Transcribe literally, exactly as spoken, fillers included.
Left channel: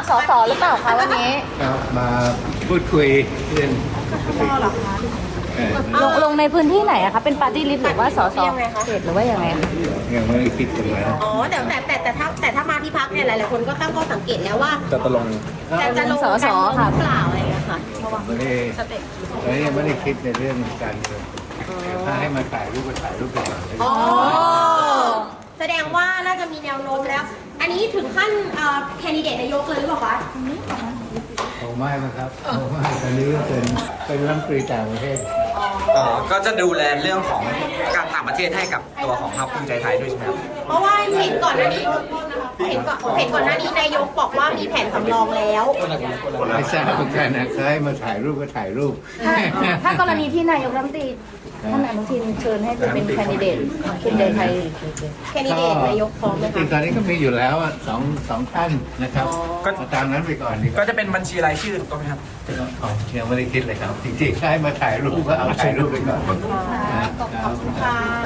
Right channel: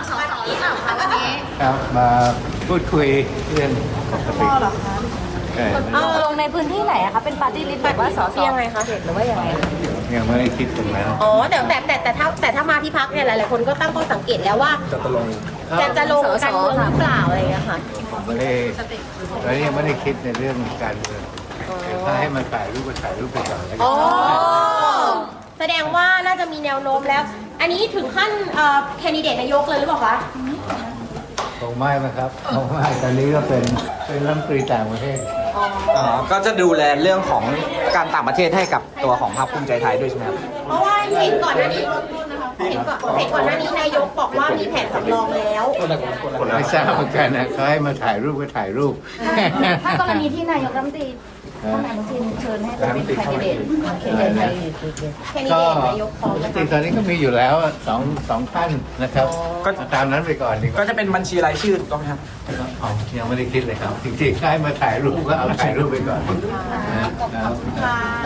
สสหรือเปล่าคะวันนี้ครับมาพูดคุยเรื่องปกติเหรอคะใช่ลงในพื้นที่ไหนนะคะเป็นปาร์ตี้ลิสต์แต่ว่าสสยังไงคะเห็นหรือว่าอย่างไรยังไม่ได้คิดกันแล้วอ๋อแต่แต่แต่แต่ถ้าแต่ถ้ามาที่พักเนี่ยหลายๆคนก็ตั้งข้อสังเกตแล้วว่าจะตกลงจะจะลงการเมืองหรือเปล่าอะไรอย่างเงี้ยค่ะผมไม่ได้ตอนนี้ยังไม่ได้คิดในเรื่องการเมืองถ้าให้มาถ่ายรูปก็ถ่ายรูปไปก่อนแล้วกัอ๋นอแสดงว่าน่าจะมีแนวโน้มแล้ว อันนี้ถึงขั้นเอ่อแคนดิเดตนายกเลยหรือเปล่าคะคงไม่นะครับคงไม่ตอนนี้ก็เป็นเป็นรัฐมนตรีต่างประเทศอ๋อก็จะดูแลเรื่องของการต่างประเทศให้กับตัวของพรรคภูมิใจไทยด้วยใช่ไหมครับเพราะว่าเห็นก่อนหน้านี้เห็นก่อนเห็นก่อนหน้านี้นายกบอกว่ามีแผนสำรองแล้วไม่ทราบเหมือนกันนะเขาให้มาถ่ายรูปก็ถ่ายรูปถ้ากรณีที่นายกรัฐมนตรีนะทีมเชิญให้ไปเป็นแคนดิเดตเป็นเดนไทยแคนดิก็เดตนายกของจริงๆตอนนี้ก็มีอยู่แล้วอะสองสองท่านนะครับก็เอาตามนั้นไปก่อนดีกก็ว่าจะเป็นบัญชีรายชื่อถูกต้องไหมครับอ๋อยังไม่ได้คิดเลยครับ จริงๆให้มาถ่ายรูปก็เอาถ่ายรูปไปก่อนนะครับ